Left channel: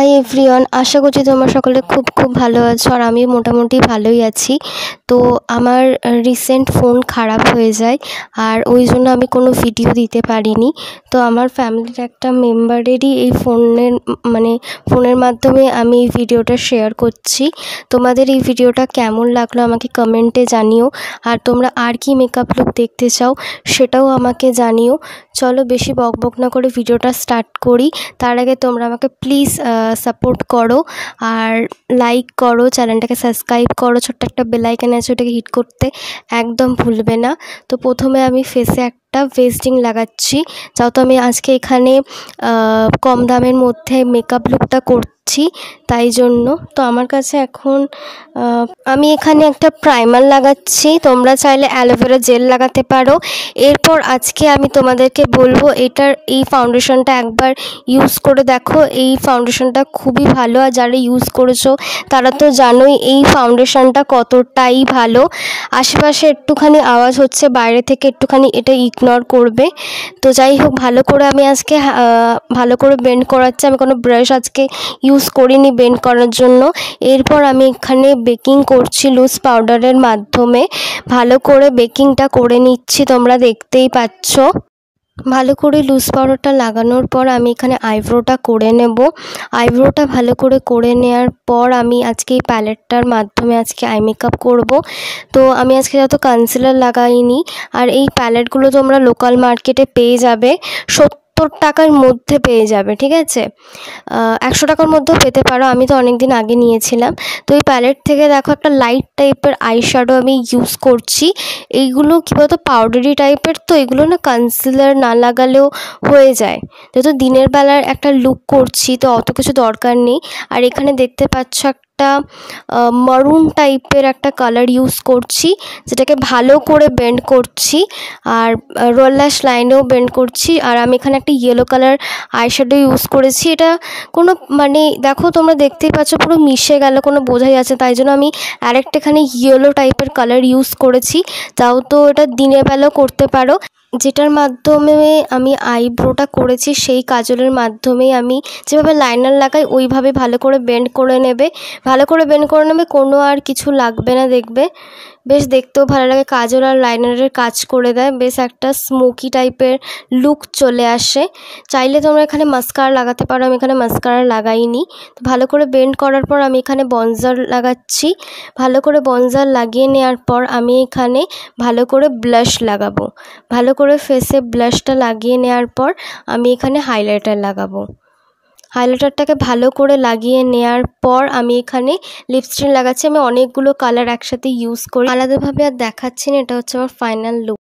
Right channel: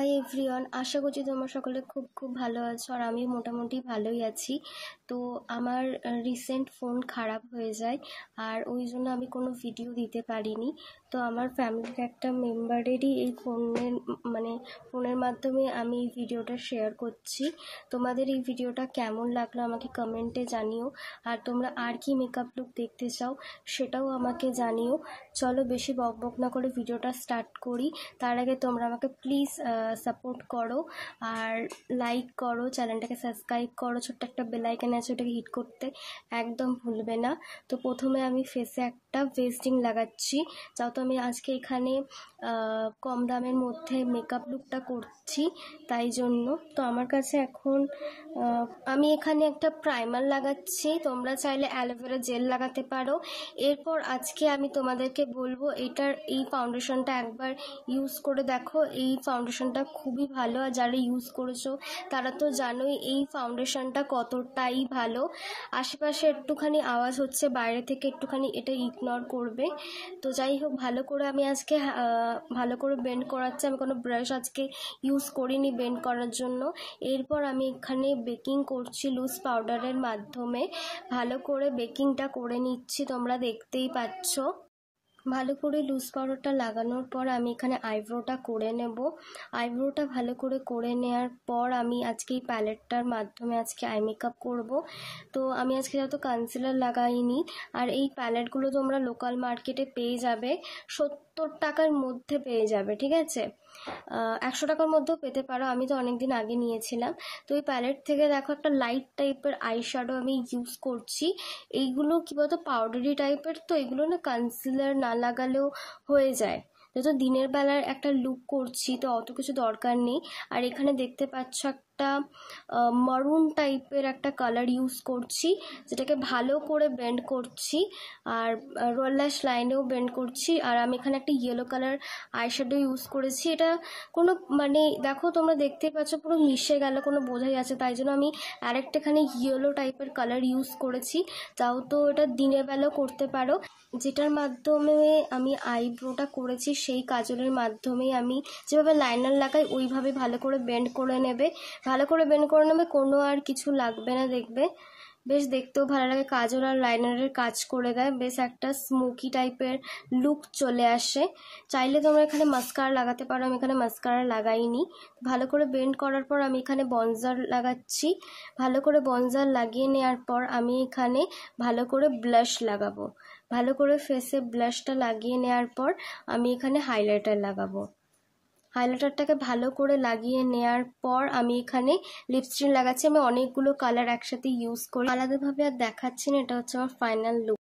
Hi everyone, আশা করছি তোমরা সকলে খুব খুব ভালো আছো আর আমি মোটামুটি ভালোই আছি। তো আমার রিসেন্ট ফোন খারাপ হয়ে যায় আর ওই জন্য আমি কোনো ভিডিও দিতে পারিনি। তো আমার ফ্যামিলির একটা মেম্বারেরই এই ফোনের মাধ্যমে আমি এই ভিডিওটা শেয়ার করছি। তোমাদের এই ভিডিওটা কেমন লাগলো আমাকে কমেন্টে জানিও, আর তোমরা আর কি মেকআপ লুক দেখতে চাও সেটাও আমাকে জানিও। চলো বেশি বকবক না করে ভিডিওটা স্টার্ট করি। তার আগে তোমরা আমাকে প্লিজ সাপোর্ট করো আর লাইক করো, চ্যানেলটাকে সাবস্ক্রাইব করো, ছোট্ট একটা বেল আইকন আছে ওটাকে হিট করতে একদম ভুলবে না। তো প্রথমে আমি ফেসে একটা ভেস্টিং লাগাচ্ছি, যেহেতু আমি আজকে এখানে কম দামের মধ্যে মেকআপ লুকটা করছি তাই জন্য। তো আমার কাছে এখন আমি এখানে একটা প্রাইমার লাগাচ্ছি, তোমরা চাইলে অ্যালোভেরা জেল লাগাতে পারো। এরপর আজকে আমি তোমাদেরকে বলবো এই ফাউন্ডেশনটা একবার ইউজ করে দেখো। এই ফাউন্ডেশনটা খুবই ভালো, আর যারা ইউজ করেছো তারা তো জানোই এই ফাউন্ডেশনটা কতটাই ভালো। আশেপাশে একটুখানি আওয়াজ হচ্ছে বাইরে থেকে, একটুখানি এটা ইগনোর করবে। তো যাই হোক, ভালো করে আমি আজকে ভালো করে বেন্ড করাচ্ছি। আমি কোনো ব্রাশ আজকে ইউজ করিনি বেন্ড করার জন্য। এরপর আমি এখানে বেকিং করছি লুজ পাউডারের মাধ্যমে। ভালো করে বেকিংটা করে নিচ্ছি, তোমরা দেখতেই পাচ্ছ। ভালো করে লুজ পাউডারটা লাগানোর পর আমি এখানে আইব্রোটা করে নেব। আইব্রোটা ভালো করে নেওয়ার পর আমি আজকে এই প্যালেটটার মাধ্যমে আজকে আই মেকআপ করব। তো আমি আজকে যত কনসিলার লাগাইনি, আর এই প্যালেটগুলো তোমরা লোকাল মার্কেটে পেয়ে যাবে, 70 টাকার মধ্যে পেয়ে যাবে, ঠিক আছে। 100 টাকার মধ্যেও পেতে পারো, আমি তো অনেক দিন আগে নিয়েছিলাম। তো এই প্যালেট থেকে দেখো একটা লাইট টাইপের আই শ্যাডো আমি ইউজ করছি। এইগুলো কী বলতো পাউডারি টাইপের, তো এগুলো না কনসিলার না লাগালেও হয়ে যায়, যেহেতু দিনের বেলার একটা লুক করছি তো অত কিছু দরকার নেই। আর এখানে দেখতে পাচ্ছ একটা মারুন টাইপের একটা কালার ইউজ করছি, যেটাকে ভালো করে বেন্ড করছি আর রোল ল্যাশ লাইনেও বেন্ড করছি। আর আমি এখানে একটা ইয়েলো কালার আইশ্যাডো ইউজ করেছি। এটা কোনো দেখো তোমরা দেখতেই পাচ্ছ পুরো মিশে গেল, কোনো বোঝাই যাচ্ছে, তাই জন্য আমি আরেকটা এখানে ইয়েলো টাইপের কালার ইউজ করেছি। তাও তো এটা দিনের বেলাও করতে পারো। যেটার মাধ্যমে আমি আইব্রোটা করেছি সেই কাজলের মাধ্যমেই আমি যেভাবে লাইনার লাগাই ওইভাবে ভালো করে বেন্ড করে নেবে। কোনো আর কিছু লাগবে না, দেখবে বেশ দেখতেও ভালো লাগে। কাজল আর লাইনারের কাজ করে দেয়, বেশ একটা স্মোকি টাইপের লুক চলে আসে। চাইলে তোমরা এখানে মাস্কারা লাগাতে পারো, আমি এখানে মাস্কারা লাগাইনি। তো ভালো করে বেন্ড করার পর আমি এখানে বনজার লাগাচ্ছি। ভালো করে বনজার লাগিয়ে নেওয়ার পর আমি এখানে ভালো করে ব্লাশ লাগাবো। ভালো করে ফেসে ব্লাশটা লাগিয়ে নেওয়ার পর আমি এখানে হাইলাইটার লাগাবো। হাইলাইটারটাকে ভালো করে লাগিয়ে নেওয়ার পর আমি এখানে লিপস্টিক লাগাচ্ছি। আমি অনেকগুলো কালার একসাথে ইউজ করি, আলাদাভাবে আর দেখাচ্ছি না। এটা হচ্ছে আমার ফাইনাল লুক।